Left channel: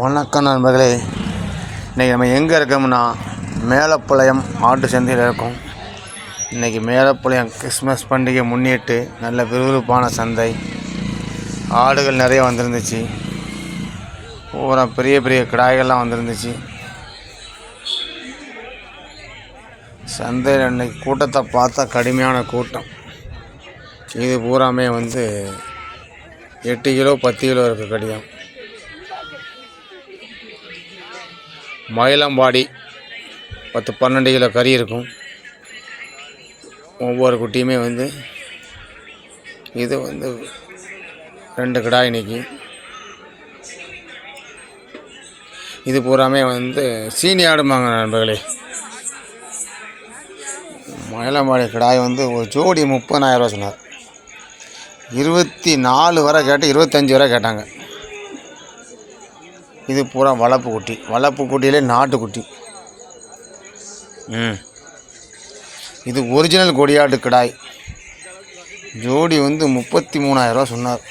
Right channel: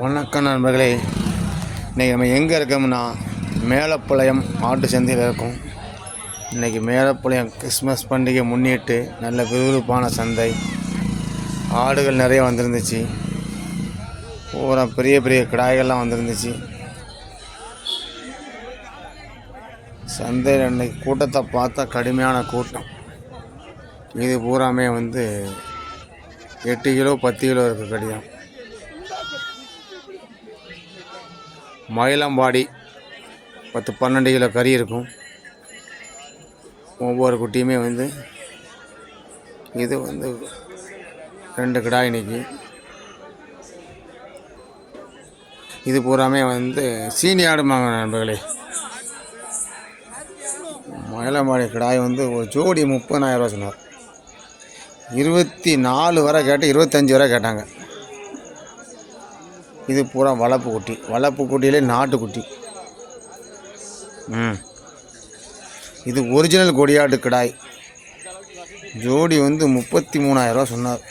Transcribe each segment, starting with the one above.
வணக்கம் நண்பர்களே. இன்றைக்கி நம்ம எங்கே இருக்கோம்னா மேலப்பாளையம் ஆட்டு சந்தையில் இருக்கோம். இன்றைக்கி மேலப்பாளையம் கிறிஸ்மஸ் பண்டிகை முன்னிட்டு நல்ல விறுவிறுப்பான சந்தை. ஆடுகள் நிறைய வந்திருந்துச்சு. பூரா பெரிய பெரிய கிடாய்கள்லாம் வந்திருந்துச்சு. சந்தையில் இன்றைக்கி கூட்டத்தை பார்த்தா கடுமையான கூட்டம். இது பூராமே வந்து எட்டு கிலோ பத்து கிலோ இருக்க கடியம் மயிலம்பாடி பத்து பன்னெண்டு கிலோ கறி இருக்கும். ஒவ்வொரு குட்டியுமே வந்து இது வந்து ரெண்டு கிடாய் இன்னைக்கு. இது பூராமே வந்து சீனி ஆடுமாங்க நண்பர்களே. மயிலம்பாடி கிடாய் வந்து ஒரு ஜோடி முப்பதாயிரரூவா சொன்னார். இருபத்தி நாலு வரை கேட்டு இருபத்தஞ்சி வரை கேட்டாங்க. இது பூரா வளர்ப்பு குட்டி. வளர்ப்பு குட்டியிலே நாட்டுக்குட்டி ம். இது ஒரிஜினல் கொடியாட்டு கிடாய். ஜோடி வந்து முப்பத்தி மூணாயிரரூவா சொன்னார்.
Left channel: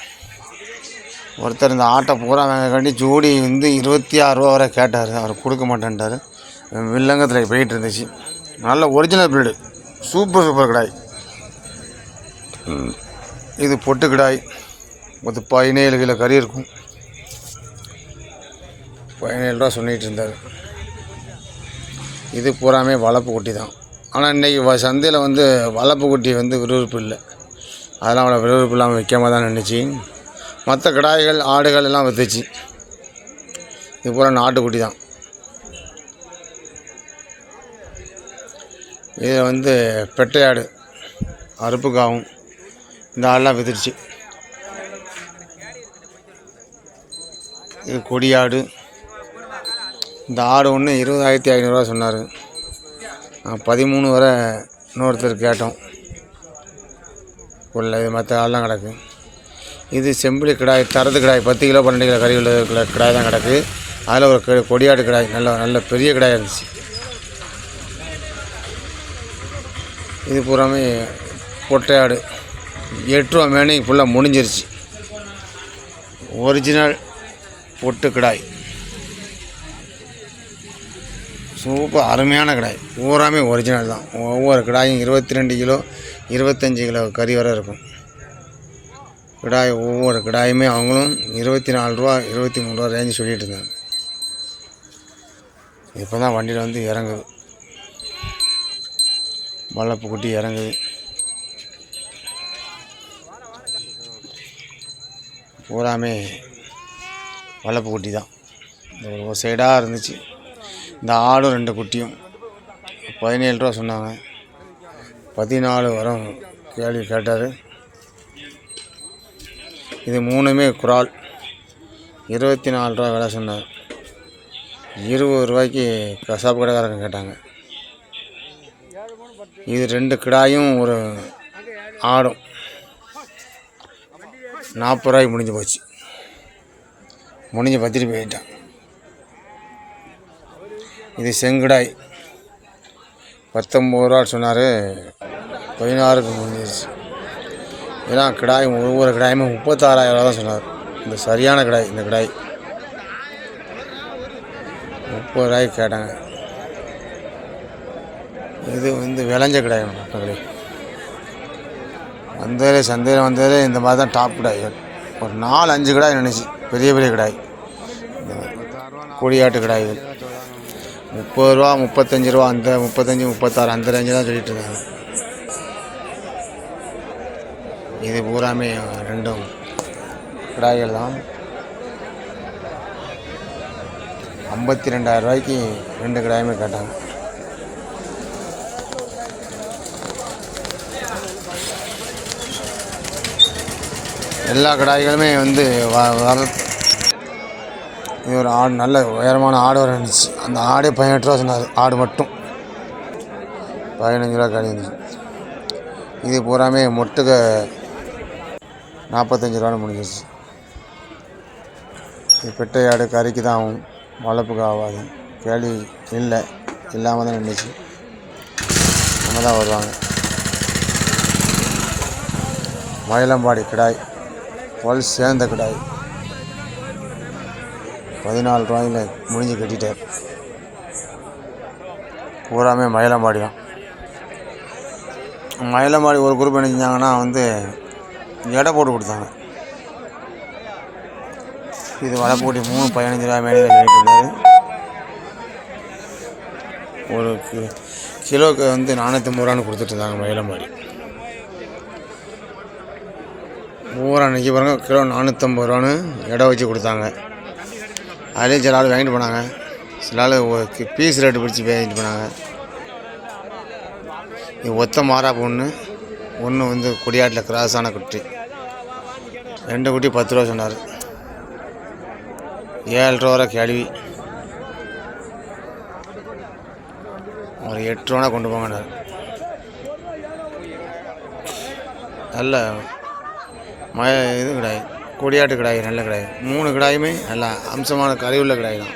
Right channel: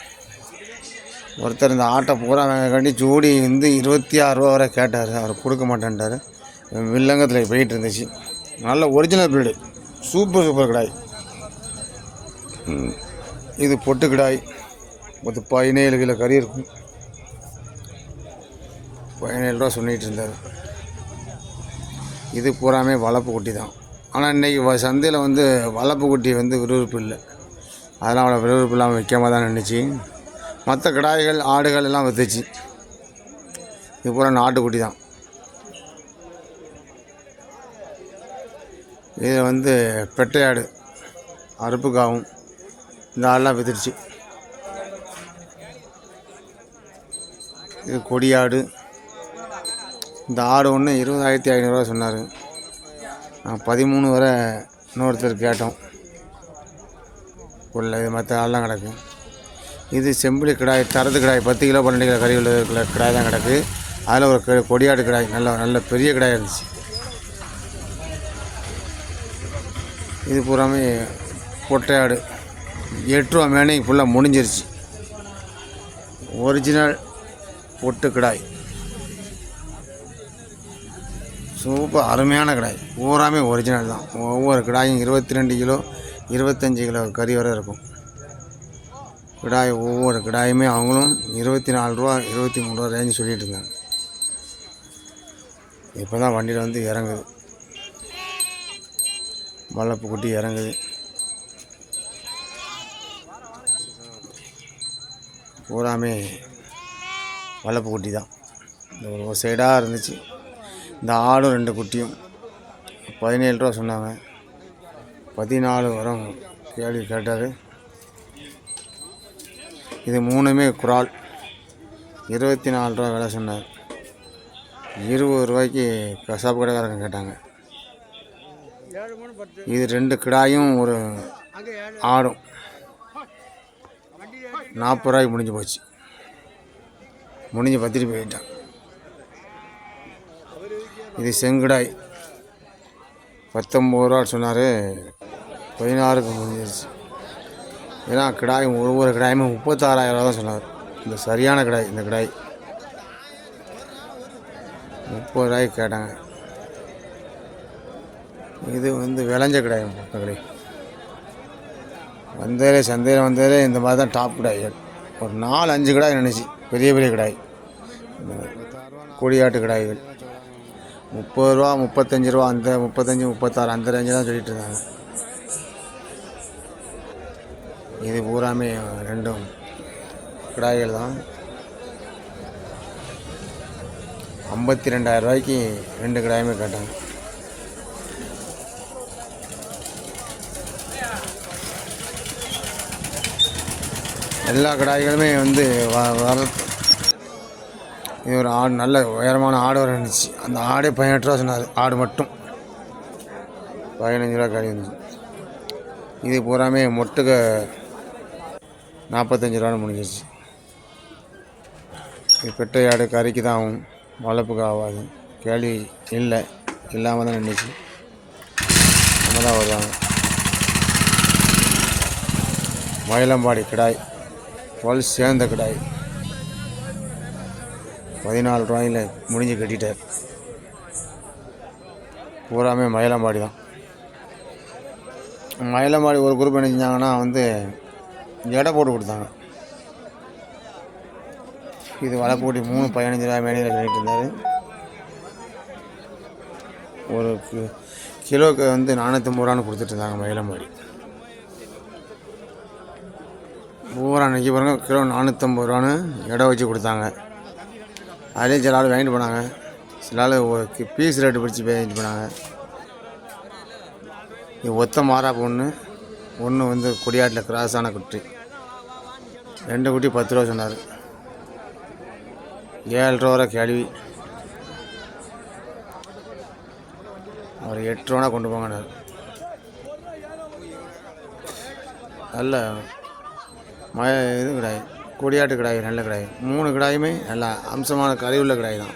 ஒருத்தர் இந்த ஆட்டை பூரா வாங்கக்காண்டி ஜோடி வந்து இருபத்தி ஆறுரூவா வரை கேட்டார். அவர் கொடுக்க மாட்டேன்ட்டார். வில்லங்கத்தில் போயிட்டு இருந்துச்சு. நல்ல ஒரிஜினல் பிரீடு சூப்பர் சூப்பர் கிடாய். இது பொட்டு கிடாய். மொத்த பதினேழு கிலோ கறி இருக்கும். பதினேழு ரூபா சொல்லிகிட்டு இருந்தார். இது பூராமே வளர்ப்பு குட்டி தான். ஆனால் இன்றைக்கி வ சந்தையில் வந்து வளர்ப்பு குட்டி வந்து விறுவிறுப்பு இல்லை. அதெல்லாம் அவ்வளோ விறுவிறுப்பு இல்லாமல் விற்காம தான் நின்றுச்சு மற்ற கிடாய்கள் ஆடுகள் எல்லாம் விற்றுச்சு இது பூரா நாட்டுக்குட்டி தான். இதில் வந்து பெட்டை ஆடு இந்த ஆடெலாம் வித்துருச்சு இது கொடியாடு இந்த ஆடு ஒன்று இருபதாயிரத்தி ஐநூறுரூவா சொன்னார். பதிமூணு வரை இன்னொருத்தர் கேட்டோம். உள்ள இது மற்ற ஆள்லாம் கிடக்கு. இது செம்பிளி கிடாய் தரது கிடாய் பத்து கிலோ பன்னெண்டு கிலோ கறி உள்ள கிடாய் தான் கிடக்கு. அதில் ஒரு கொடியாடு கிடாய் நல்ல நல்ல பெரிய கிடாய் இருந்துச்சு. இது பூராமே பொட்டையாடு எட்டு ரூபா மேனே ஃபுல்லாக முடிஞ்சிருச்சு. ஒரிஜினல் பொட்டு கிடாய். சூப்பர் அருமையான கிடாய். பூராமே ஒரிஜினல் தான். ஒவ்வொரு கிடாயும் இருபத்தி ரெண்டு கிலோ இருபத்தஞ்சி கிலோ கறி வரை இருக்கும். கிடாய் ஒவ்வொரு கிடாயுமே அவங்களும் இருபத்தி நாலு ரூபா இருபத்தி மூணு ரூபா ரேஞ்சு சொல்லிட்டு இருந்தாங்க. இப்போ தான் வண்டியில் வந்து இறங்குது. மல்லப்பு குட்டி இறங்குது. பூராமே வளர்ப்பு குட்டி தான். ஒரு சைடாக இருந்துச்சு. இந்த ஆடும் ரெண்டு குட்டியும். பதினேழு ரூபா சொன்னாங்க. பதினாலு வரும். கேள்வி கேட்டார். இது மூணுமே குரால் இருபத்தி நாலு ரூபா விலை சொன்னார். இருபது ரூபாய்க்கு கசாப்பு கடைக்காரங்க கேட்டாங்க. இது ரெண்டு கிடாயும் ஒரு ஆடும். நாற்பது ரூபாய்க்கு முடிஞ்சு போச்சு. முடிஞ்சு பத்திரி போயிட்டான். இது செங்குடாய். பத்தொம்பது ரூபா சொன்னார். பதினாறுக்கு முடிஞ்சிருச்சு. இதெல்லாம் கிடாய் ஒவ்வொரு கிடாயுமே முப்பத்தாறாயிரம் ரூபா தான் சொன்னார். இந்த சரியான கிடாய் இந்த கிடாய். முப்பது ரூபாய்க்கு கேட்டாங்க. இது வந்து விளைஞ்ச கிடாய் மக்களே வந்ததே சந்தையில் வந்ததே இந்த மாதிரி தான் டாப் கிடாய். ஒரு நாலு அஞ்சு கிடாய் நினச்சி பெரிய பெரிய கிடாய். இந்த கொடியாட்டு கிடாய்கள் முப்பது ரூபா முப்பத்தஞ்சு ரூபா அந்த முப்பத்தஞ்சு முப்பத்தாறு அந்த ரேஞ்சு தான் சொல்லிட்டு இருந்தாங்க இது பூராமே ரெண்டும் கிடாய்கள் தான் ஐம்பத்தி ரெண்டாயிரம் ரூபாய்க்கு ரெண்டு கிடாயுமே கேட்டாங்க எல்லா கடாய்களுமே வந்து வ இது ஒரு ஆடு நல்ல உயரமான ஆடு வர இருந்துச்சு. அந்த ஆடே பதினெட்டு ரூபா சொன்னார். ஆடு மட்டும். பதினஞ்சு ரூபா கடை இது பூராமே மொட்டுக நாற்பத்தஞ்சு ரூபான்னு முடிஞ்சிச்சு இது பெட்டை ஆடு கறிக்கு தான் ஆகும். வளர்ப்புக்கு ஆகாது. கேள்வி இல்லை. இல்லாமல் தான் நின்றுச்சு நம்ம தான் வருவாங்க. மயிலம்பாடி கிடாய். பல் சேர்ந்த கிடாய். பதினாலு ரூபாயில் முடிஞ்சு கட்டிட்டேன் பூராமே மயிலம்பாடி தான் மயிலம்பாடி ஒரு குரூப் என்ன செஞ்சாங்கன்னா வந்து எடை போட்டு கொடுத்தாங்க. இது வலை போட்டி மூணு பதினஞ்சு ரூபாய் மேலே கட்டிட்டு இருந்தார். ஒரு கி- கிலோக்கு வந்து நானூற்றம்பது ரூபான்னு கொடுத்துட்டு இருந்தாங்க மயிலம்பாடி. பூரா அன்றைக்கி பாருங்க கிலோ நானூற்றம்பது ரூபான்னு எடை வச்சு கொடுத்தாங்க. அதுலேயும் சில ஆள் வாங்கிட்டு போனாங்க. சில ஆள் பீஸ் ரேட்டு பிடிச்சி வாங்கிட்டு போனாங்க. இது ஒத்த மாறா பொண்ணு ஒன்று வந்து கொடியாட்டில் கிராஸான குட்டி. ரெண்டு குட்டி பத்து ரூபா சொன்னார். ஏழு ரூபா வரை கேள்வி. ஒரு எட்டு ரூபா கொண்டு போங்கன்னார் நல்ல மழை இது கிடையாது. கொடியாட்டு கிடாய் நல்ல கிடாய். மூணு கிடாயுமே நல்லா அம்சமான கறி கிடாய் தான்.